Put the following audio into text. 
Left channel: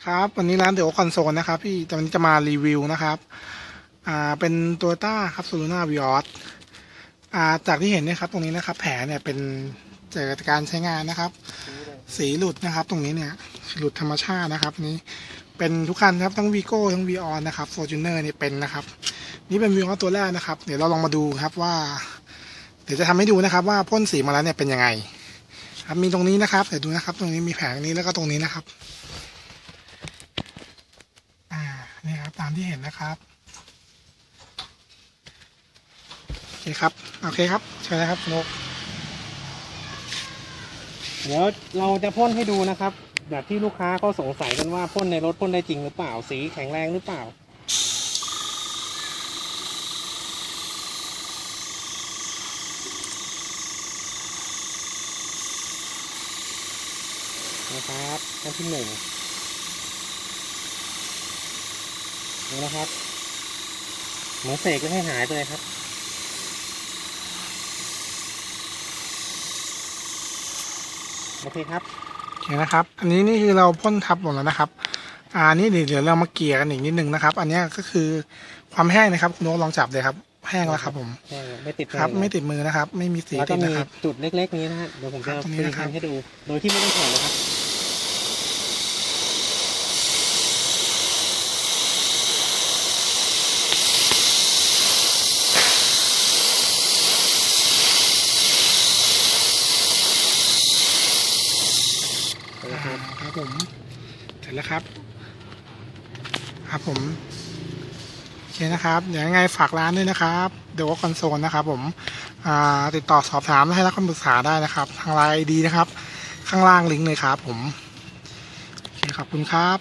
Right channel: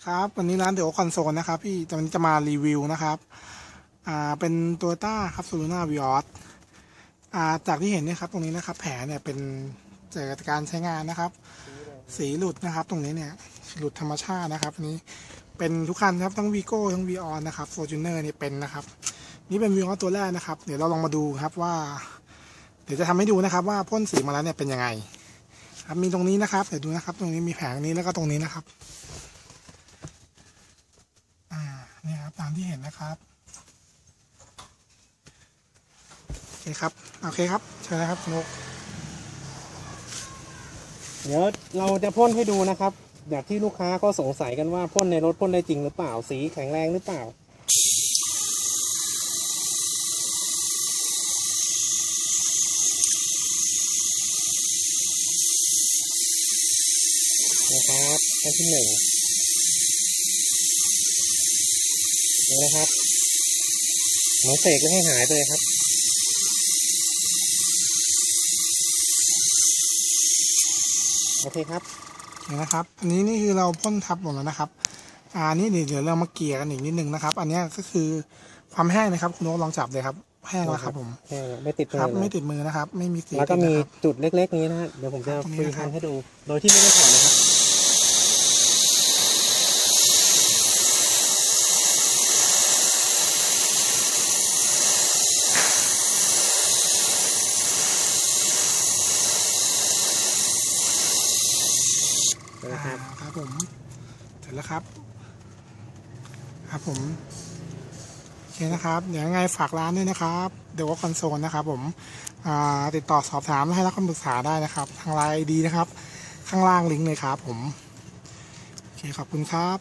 ครับวันนี้ร้านเด e อคอนโซลนะครับพี่จะวันนี้จะมารีวิวนะครับ อ่าเป็นตัวต้าครับซูลูน่าวิออสอ่าจากที่เห็นเนี่ยครับ ตรงนี้นะครับ แผลเนี่ยเป็นจากการใช้งานนะครับ สีหลุดนะครับ ตรงนี้เนี่ยหลุดธรรมชาตินะครับนี้เป็นทุกคันครับทั้งวีโก้ทั้งวีออนนะครับโฟจูเนอร์เนี่ยเป็นนะครับ นี่เป็นวีออสตัวแรกนะครับ เดี๋ยวเราลองมาดูครับว่า เดี๋ยวจะทำให้ดูนะครับ ว่าพ่นสีมาแล้วเนี่ยเป็นยังไง ครับมีตรงนี้นะครับเดี๋ยวดูนะครับ ตรงนี้มีแผงนี้แล้วก็ตรงนี้นะครับ อ่านี่ครับตามที่เห็นนะครับ โอเคครับ โอเคครับ เชิญนะครับนกเดี๋ยวเราจะพ่นให้ดูนะครับแบบที่ลูกค้าก็สงสัยกันว่าพ่นในรถพ่นได้จริงหรือเปล่า สีแข็งแรงหรือเปล่า นะครับอันที่หนึ่ง ดูนะครับเหมือนเสกแล้วให้หายไปเลยครับ โอเคครับโอเคนะครับ อันนี้นี่คือเราพ่นทับหมดแล้วนะครับอ่านี่เดี๋ยวเดี๋ยวเรามาเกลี่ยกันอีกนิดนึงนะครับ อันเนี้ยก็คือความแห้งนะครับคุณนกลองจับเลยครับ แห้งแล้วครับ ผมใช่ไม่ติดครับเลยไม่ติดมือนะครับ ไม่มีสีแล้วติก็ดมีนะครับจุดเล็กๆนี้นะฮะเดี๋ยวผมครัจะบตรงนี้ฟิลนะครับให้ดู โดยที่ไม่ได้ถอดนะครับ อ่าครับผมเสร็จแล้วครับ ครับผมโอเคนะครับเดี๋ยวยังไงฝากร้านด้วยนะครับเดี๋ยวว่าคอนโซลนะครับผมอ่าติดต่อสอบถามและให้รับคำปรึกษาได้นะครับ ทางไลน์ดีนะครับ ข้างล่างลิงก์เลยครับผมโอเคขอบคุณครับ